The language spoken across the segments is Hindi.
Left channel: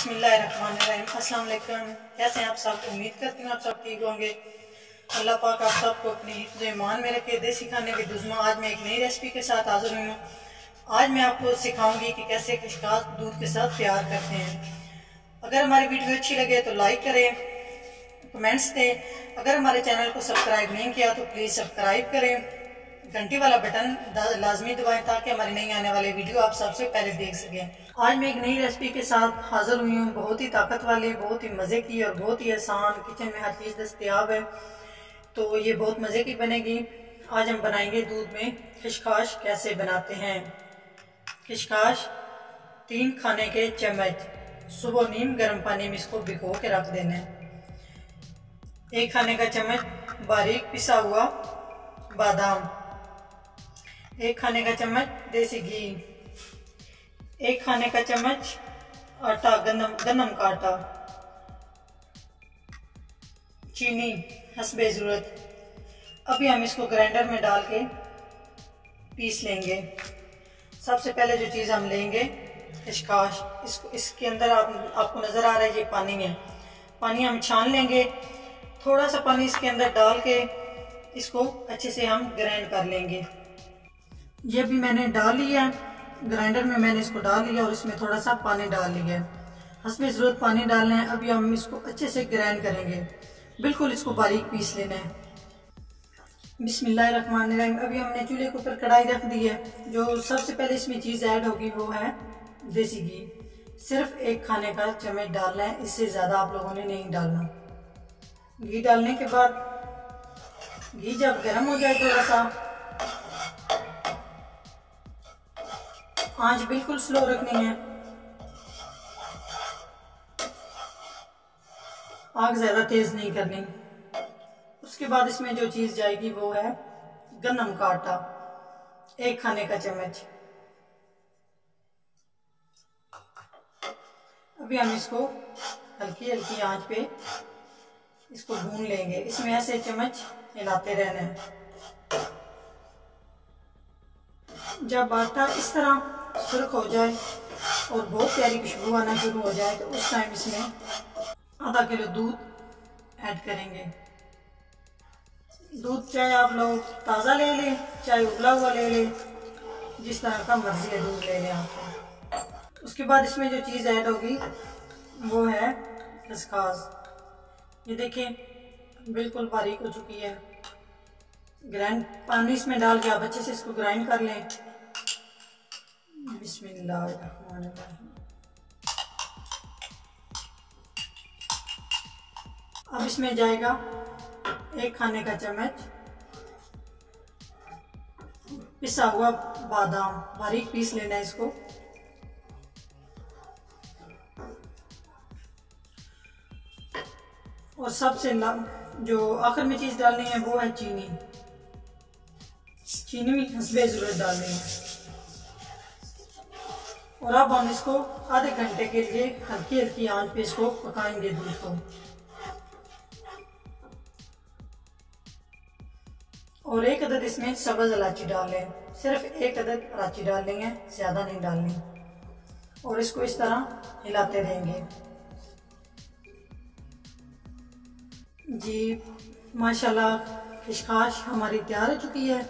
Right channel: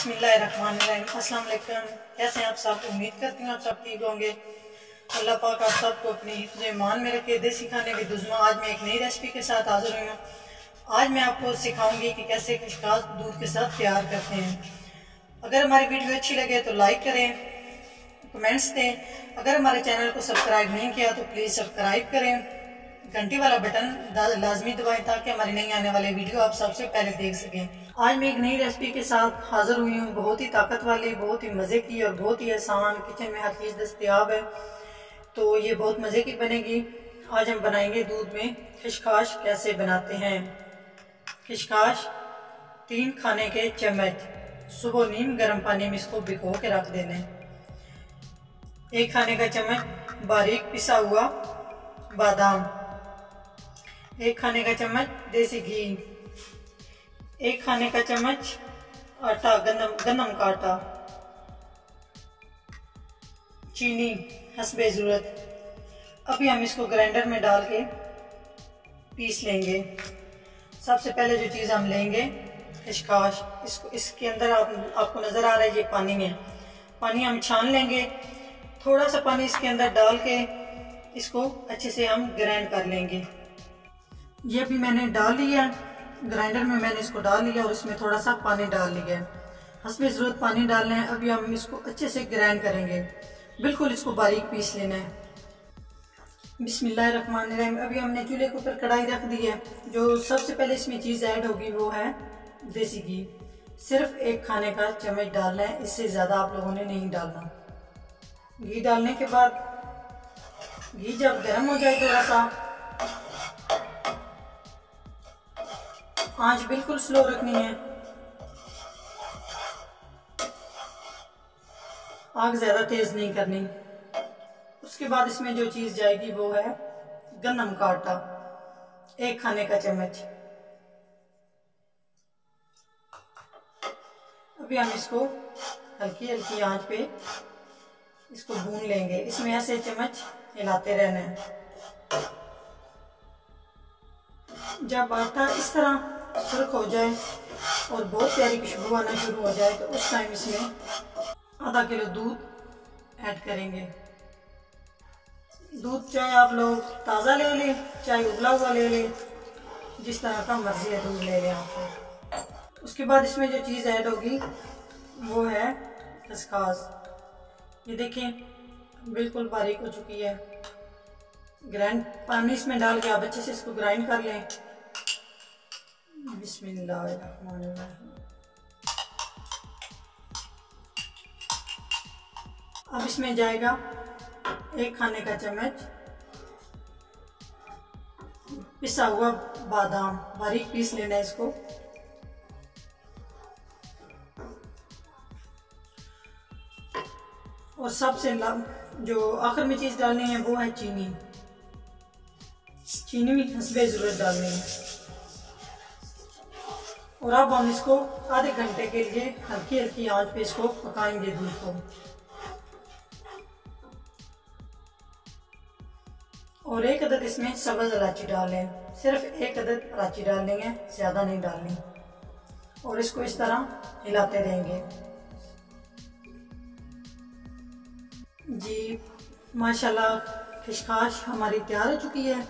बिस्मिल्लाहिर्रहमानिर्रहीम। अस्सलाम वालेकुम। कैसे हैं आप सब? उम्मीद करती हूँ आप सब ठीक होंगे। अल्लाह पाक आप सबको अपनी हिफ्ज़ ईमान में रखे। देसी खाने विद उज़्मा। आज मैं एक नई रेसिपी के साथ हाज़िर हुई हूँ। आज मैं आपको सिखाऊंगी कि कैसे खशखाश दूध के साथ तैयार करते हैं। अगर हमारी वीडियो अच्छी लगे तो लाइक करें, कमेंट्स दें। अगर हमारे चैनल को सब्सक्राइब नहीं किया तो प्लीज़ सब्सक्राइब करें, घंटी वाला बटन लाजमी दबाएं ताकि हमारी नई आने वाली वीडियो आप सबसे पहले देख सकें। आज मैं एक नई रेसिपी के साथ हाज़िर हुई हूँ। बहुत ही ताकत वाली, बहुत ही मज़े की और बहुत ही आसान। किचन में हर चीज़ दस्तयाब है तो ये बहुत मज़े की बनेगी। आज हम बनाएंगे दूध में खशखाश। कैसे बनाते हैं? खशखाश 3 खाने के चम्मच सुबह नीम गर्म पानी में इसको भिगो के रख देना है। 1 खाने का चम्मच बारीक पिसा हुआ बादाम, 1 खाने का चम्मच देसी घी, 1 खाने का चम्मच आटा, गंदम का आटा, चीनी हस्बे ज़रूरत। अभी हम इसको ग्राइंडर में डाल के पीस लेंगे। सबसे पहले जो चीज़ हम लेंगे खशखाश। इसके अंदर आपको नज़र आ रहा है ये पानी है। पानी हम छान लेंगे। थोड़ा सा पानी इसके अंदर डाल के इसको अच्छे से हम ग्राइंड कर लेंगे। ये भी मैंने डाल लिया ग्राइंडर में, मैंने इसको डाल लिया और इसमें थोड़ा सा पानी डाल लिया है। हस्बे ज़रूरत पानी डालना है। अभी हम इसको अच्छे से ग्राइंड करेंगे, बिल्कुल इसको बारीक पीस लेना है। बिस्मिल्लाहिर्रहमानिर्रहीम। अभी हमने चूल्हे के ऊपर कढ़ाई रख दी है। जो सबसे पहले इसमें चीज़ ऐड होगी वो है देसी घी। सिर्फ 1 खाने का चम्मच डालना है, इससे ज़्यादा आप लोगों ने नहीं डालना। घी डालने के बाद घी जब गर्म हो जाए थोड़ा सा, आंच बिल्कुल स्लो रखनी है, आग ज़्यादा तेज़ नहीं करनी। उसके बाद इसमें जो चीज़ जाएगी वो है गंदम का आटा, 1 खाने का चम्मच। अभी हम इसको हल्की हल्की आंच पे इसको भून लेंगे। इसमें ऐसे चम्मच हिलाते रहना है। जब आटा इस तरह सुर्ख हो जाए और बहुत प्यारी खुशबू आना शुरू हो जाए तो उस टाइम इसमें आधा किलो दूध ऐड करेंगे। दूध चाहे आप लोग ताज़ा ले लें, चाहे उबला हुआ ले लें, जिस तरह का मर्जी है दूध ले लें आप। उसके बाद इसमें जो चीज़ ऐड होगी वो है खसखस। ये देखें बिल्कुल बारीक हो चुकी है। ग्राइंड पानी इसमें डाल के आप अच्छे से इसको ग्राइंड कर लें। बिस्मिल्लाहिर्रहमानिर्रहीम। अब इसमें जाएगा 1 खाने का चम्मच पिसा हुआ बादाम, बारीक पीस लेना है इसको। और सबसे जो आखिर में चीज़ डालनी है वो है चीनी। चीनी भी हस्बे ज़रूरत डालनी है। और अब हम इसको आधे घंटे के लिए हल्की हल्की आंच पे इसको पकाएंगे दूध को। और 1 अदद इसमें सब्ज़ इलायची डाल लें। सिर्फ 1 अदद इलायची डालनी है, ज़्यादा नहीं डालनी। और इसको इस तरह हिलाते रहेंगे। जी माशाल्लाह खशखाश हमारी तैयार हो चुकी है।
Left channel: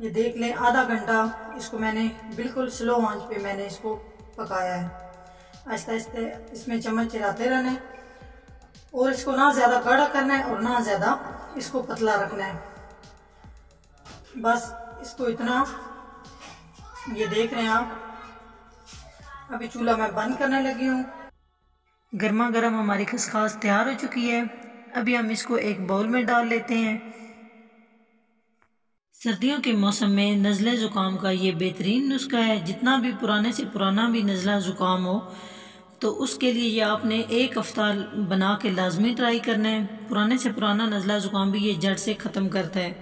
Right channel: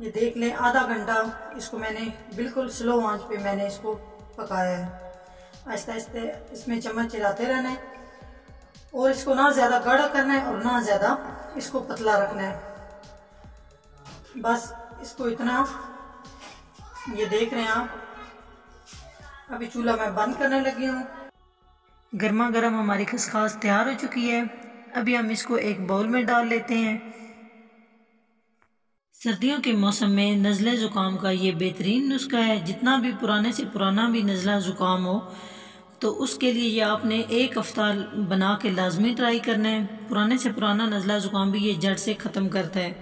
ये देख लें, आधा घंटा इसको मैंने बिल्कुल स्लो आंच पे मैंने इसको पकाया है। आहिस्ता आहिस्ता इसमें चम्मच हिलाते रहना है और इसको ना ज़्यादा गाढ़ा करना है और ना ज़्यादा इसको पतला रखना है। बस इसको इतना, ये देख रहे हैं आप। अभी चूल्हा मैं बंद करने लगी हूँ। गर्मा गर्म हमारी खसखस तैयार हो चुकी है। अभी हम इसको एक बाउल में डाल लेते हैं। सर्दियों के मौसम में नज़ले ज़ुकाम का ये बेहतरीन नुस्खा है। जितना भी पुराने से पुराना भी नज़ला ज़ुकाम हो तो उसके लिए ये आपने 1 हफ्ता बना के लाजमी ट्राई करना है। पुराने से पुराना नज़ला ज़ुकाम भी ये जड़ से ख़त्म करता है।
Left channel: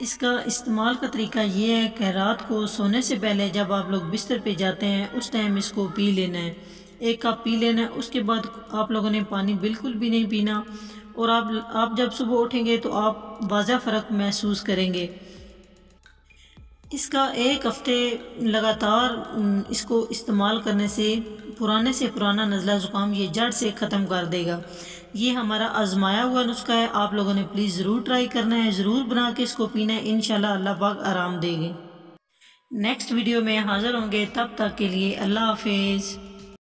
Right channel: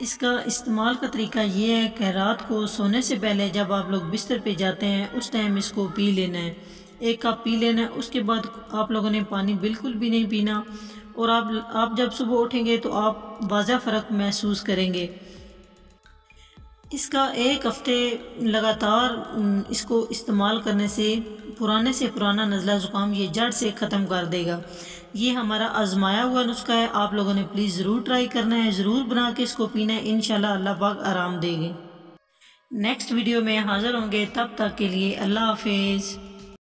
इसका इस्तेमाल का तरीका ये है कि रात को सोने से पहले जब आप लोग बिस्तर पे जाते हैं उस टाइम इसको पी लेना है। 1 कप पी लेना है। उसके बाद आप लोगों ने पानी बिल्कुल भी नहीं पीना। और आप जब सुबह उठेंगे तो आप वाज़ा फ़र्क महसूस करेंगे। इसका एक हफ्ते लगातार इसको इस्तेमाल करने से पुराना नज़ला ज़ुकाम ये जड़ से ख़त्म कर देगा। ये हमारा आजमाया हुआ नुस्खा है, आप लोगों ने प्लीज़ ज़रूर ट्राई करना है, ज़रूर बना के इसको पीना है। इंशाल्लाह अल्लाह पाक आराम देंगे। नेक्स्ट वीडियो में हाज़िर होंगे, तब तक के लिए अल्लाह हाफिज़।